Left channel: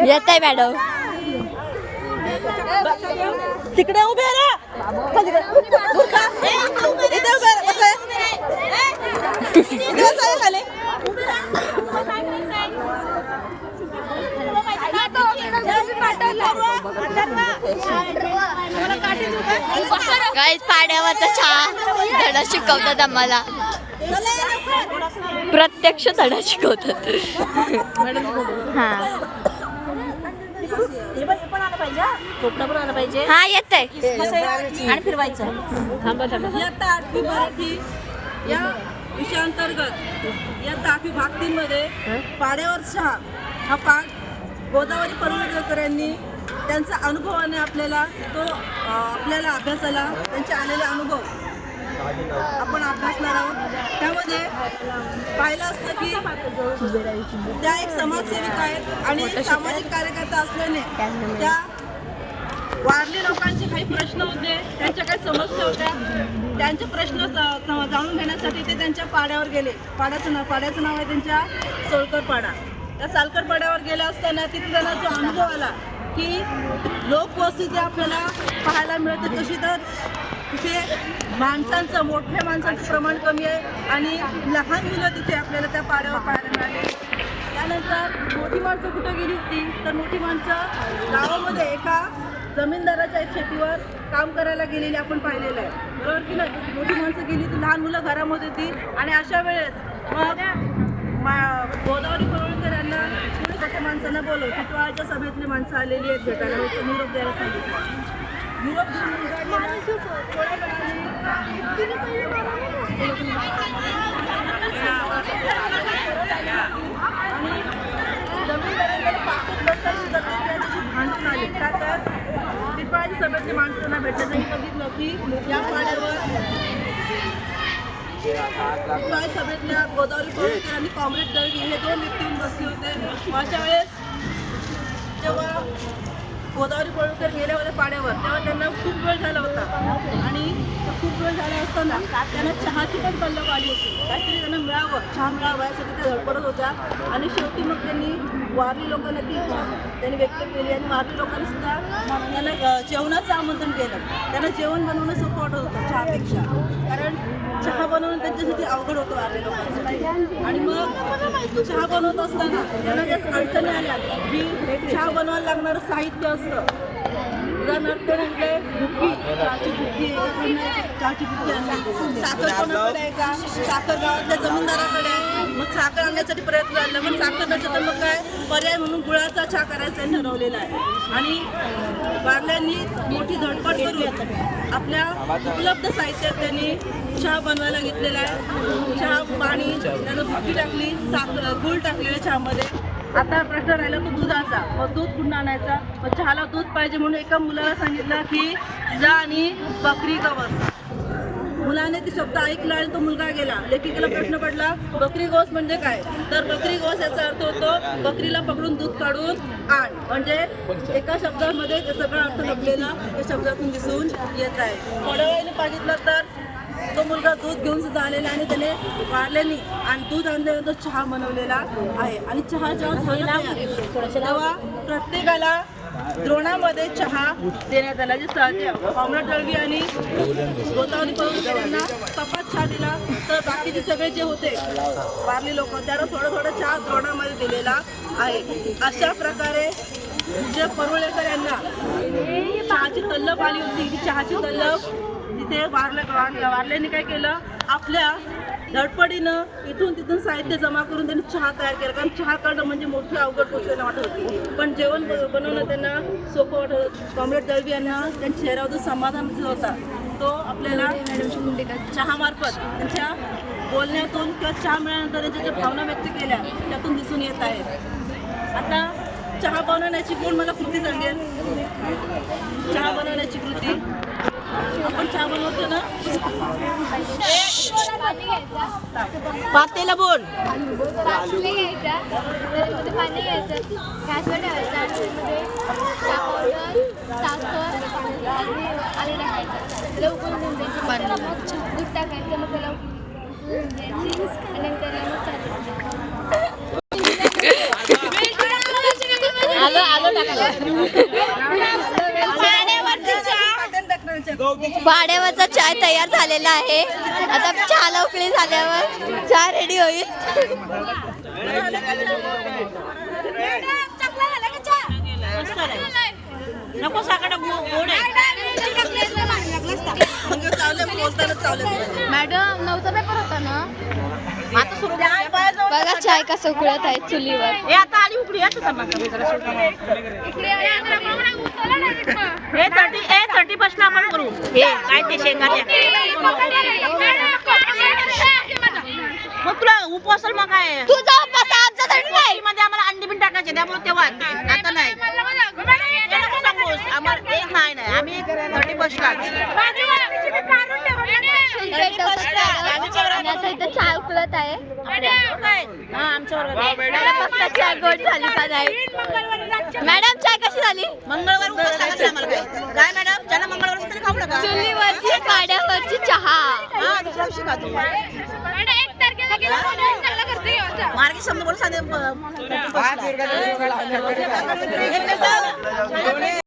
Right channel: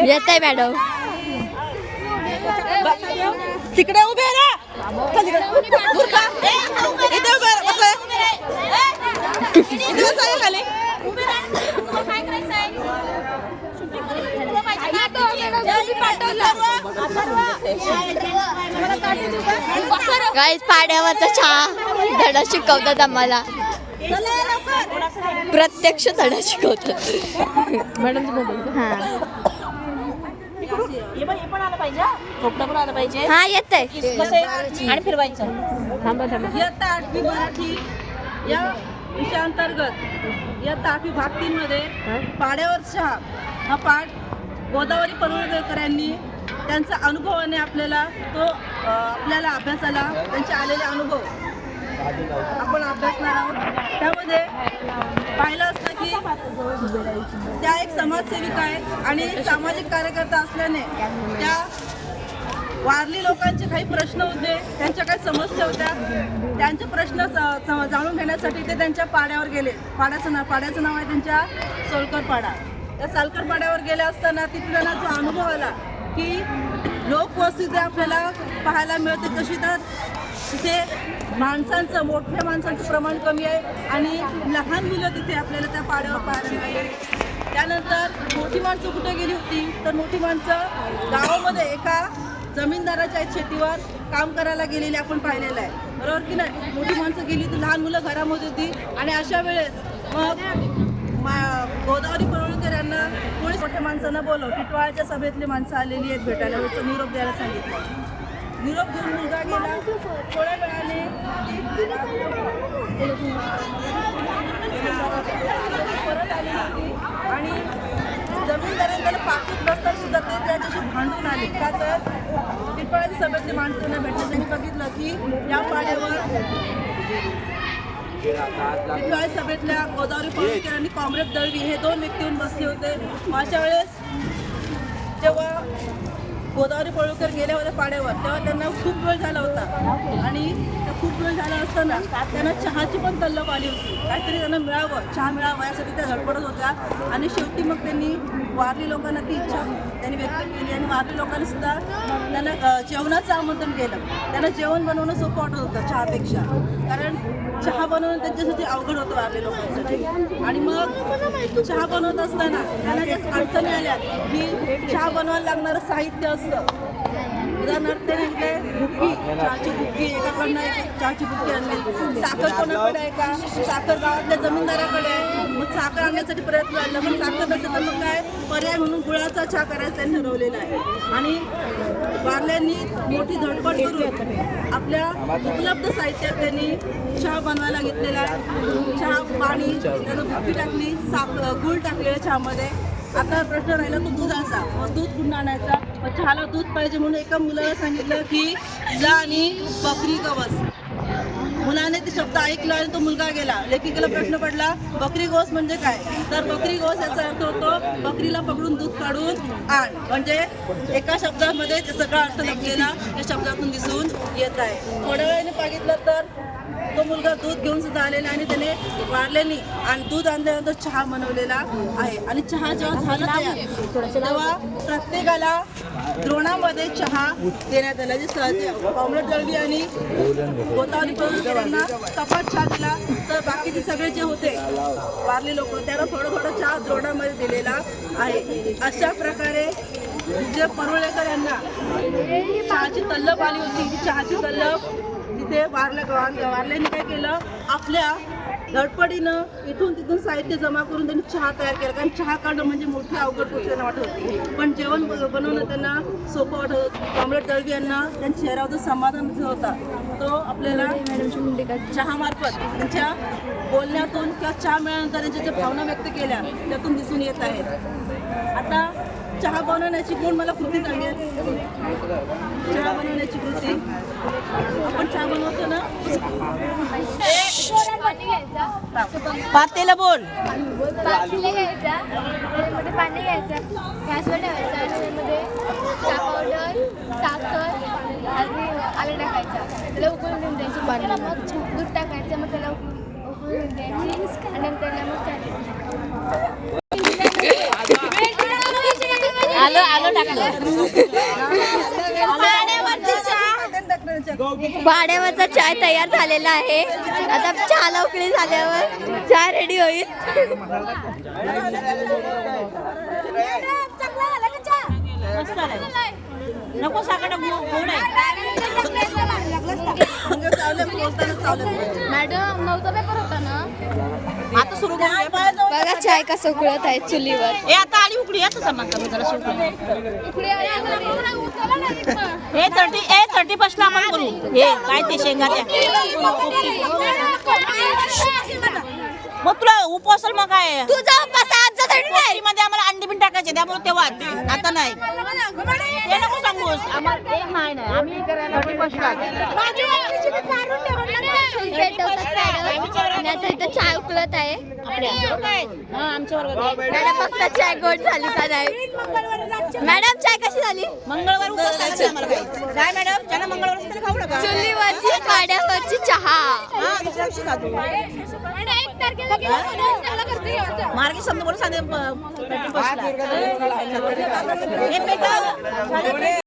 येत आहे मॅडम तिकडे उभे रे गाईस पाड्यावरचा चहा धडा शिकवतात आम्हाला प्रत्यक्ष धडा शिकवतात हा हा येत आहे आणि फिरवायचं इयत्ता 8वी मराठी या विषयाअंतर्गत इयत्ता 8वी भाग 3 मध्ये पाड्यावर चहा हा पाठ गोदावरी परुळेकर यांनी त्यांचा अनुभवाने आपल्याला आपल्याला अभ्यासाला त्यांचे आलेले अनुभव आपण अभ्यासणार आहोत। त्यामध्ये पाहिलं असतं की त्या एक समाजसेविका आहेत आणि सामाजिक कार्यकर्ता असल्याने त्या वारली लोकांचे काही प्रश्न होते, त्यांच्या काही समस्या होत्या, त्यांचे प्रश्न जाणून घेण्यासाठी ते त्यांच्या पाड्यावर गेले। पाड्याचं नाव आहे त्यांच्या सोलकर पाडा। त्या सोलकर पाड्यावर गेले असताना तिथे त्यांना जो अनुभव आला की लोकवस्ती आपल्याला पाहायला मिळते कशी तर तिथे मोठ्या माणसांचं प्रमाण कमी आहे आणि लहान मुलं तिथे आपल्याला त्या पाड्यावर पाहायला मिळाले। त्यानंतर मोठी माणसं कुठे गेली होती तर मोठी माणसं गावामध्ये एका जमीनदाराच्या शेतीवर काम करायला गेलेली आपण पाहिलेलं आहे, बरोबर की नाही। मोठी माणसं गेली होती, लहान मुलं घरामध्ये होती आणि अशा वेळेस मग गोदावरी परुळेकर यांना कोणी मोठ्या माणसांना बोलव टिटवाळ्याच्या सभेतली माणसं आलेली आहेत भेटायला, निरोप द्यायला सांगितलं। निरोप घेऊन मुलगा गेला, थोड्या वेळाने परत आली आणि जमीनदारांना पाकीट बसताना सुद्धा ते त्याच्याशी भांडून आले का तर टिटवाळ्याच्या सभेतली माणसांना भेटण्यासाठी बघितलं की या पाड्यावर टिटवाळी सभेतल्या गोदावरी परुळेकर आणि कॉम्रेड दळवी हे दोन व्यक्ती येऊन बसले होते। अशा वेळेस तेव्हा गोदावरी परुळेकर गेले होते पाड्यावर, तेव्हा त्यांना खूप वेळ झाला होता आणि खूप वेळ झाला असताना त्यांना चहाची पण तल्लफ आली होती, काहीतरी त्यांना मिळावं, चहा मिळावा यासाठी त्या धडपडत होत्या आणि शेवटी मग त्यांनी वारली लोकांना ती इच्छा त्यांनी व्यक्त केली आणि वारली लोकांनी सुद्धा त्यांना जेवणाचं आमंत्रण केलं। त्यांना जेवण बनवणं सोपं वाटत होतं चहापेक्षा, कारण चहा बनवणं त्यांच्यासाठी अवघड होतं वारली लोकांसाठी। आणि मग चहा बनवत असताना त्यांना ज्या अडचणी आल्या की चहा बनवायला लागणारं साहित्य असतं, उदाहरणार्थ ते म्हटले बुक्की, चहाची बुक्की, एकाकडनं चहाची बुक्की आणली, साखर कोणाकडे आहे का, साखर गावातल्या जमीनदाराकडे आहे, मग साखर आणण्यासाठी प्रयत्न झाला पण साखर नसेल तर मग काय पर्याय म्हणून गुळाचा चहा करायचा त्यांनी ठरवलेला आहे। आणि वारल्यांनी मोठी धडपड करून आपल्या उपलब्ध साहित्यात त्यांनी चहा बनवायला घेतलेला आहे। चहा, पाणी, त्यानं बुक्की टाकली, गूळ टाकलेलं चहामध्ये। आता प्रश्न राहिला तो दुधाचा, मग दूध कुठून आणायचा, मग चहाला दूध पाहिजे म्हणून एका मुलाला सांगितलं की जा आणि बकरी गवस। मुलाने ते शब्द ऐकला आणि तो मुलगा गेला। लेखिकेला प्रश्न पडला बकरी गोस म्हणजे काय, तर बकरी गोस याचा अर्थ होतो बकरीला पकडून दूध काढून आण, म्हणजे एका शब्दामध्ये सगळा अर्थ लपलेला त्या शब्दातून दिसून येत आहे। थोड्या वेळाने बघितलं तर तो मुलगा दूध घेऊन सुद्धा आलेला आणि त्याने वारल्याने आणि दूध आणल्यानंतर चहा बनवलेला आहे। आणि चहा जेव्हा झाला तयार तेव्हा प्रत्येकाला द्रोणामध्ये चहा देण्यात आला, जे कॉम्रेड दळवी आणि गोदावरी परुळेकर यांना कपात चहा दिला, तर बाकीचे सगळे जे होते वारली लोक त्यांना थोडं थोडं चहा द्रोणामध्ये दिलेला आहे। अशा प्रकारे जे परुळेकर यांना चहाची तल्लफ आली होती, ती चहाची तल्लफ तिथे वारल्याने काय केलं, आपल्या धडपडीनं इथून तिथून साहित्य जमा करून त्यांनी चहा तयार केला, कारण चहा काढणं म्हणजे मोठी अवघड गोष्ट वाटत होती, पण जेवण बनवणं त्यांना सोपं वाटत होतं। कॉम्रेड दळवी यांना त्यांच्या चेहऱ्यावर जो समाधान होता तो आपल्याला चहामार्फत त्यांच्या बोलण्यातून किंवा चहा मिळाल्यानंतर त्यांच्या ज्या भावना व्यक्त केल्या त्यातून दिसून येत आहेत. आता चहा बनवण्याची कोण मला कृती सांगेल? चहा बनवण्याची कृती आपण चहा बनवतो ना, पाणी घ्यायचा, पातेला बोल. पातेलं घ्यायचा, त्यामध्ये पाणी घ्यायचं, गॅसवर ठेवायचं आणि त्यामध्ये चहा पावडर, साखर आणि आले टाकायचा, त्याला उकळून देऊन द्यायची. त्याला मग दूध टाकायचं, मग त्याला उकळून द्यायची आणि त्याला मग पाण्यावरचा चाय तयार झालेला आहे. आता चहाला उकळी झाल्यावर चहा रेडी होईल. नको साखर गोड आहे. मॅडम 9चा पेपर होता ना, आता सुरू बघा चाय कसं उकळत आहे चुलीवर. आता आली उकडी इकडे हे 30 ला आपण करू. हे काय ते शेंगा मग तुला उपवासल मग काय तुझा उपास आजचा तरी नाही. मध्ये आम्हाला अंडी पण टाकायचे त्यामुळे तेव्हा आता नाही. ते नको सांगूस. आम्हाला एक नाही आम्ही 31 ला आणि आता इथं चाय उकळत आहे. आमच्या मॅडम फक्त चाय गोड झाली का नाही? मॅडम चाय कशी झाली? मंगळवार उपवास आहे आम्हाला काय मॅडम ज्यांना मंगळवार तरी खाऊ नका. चुलीवरची पाण्यावरची चहा. दुसऱ्या दिवशी खातो. 1 तारखेला गेला मार्गी समजा बोल सांगे 31 ला.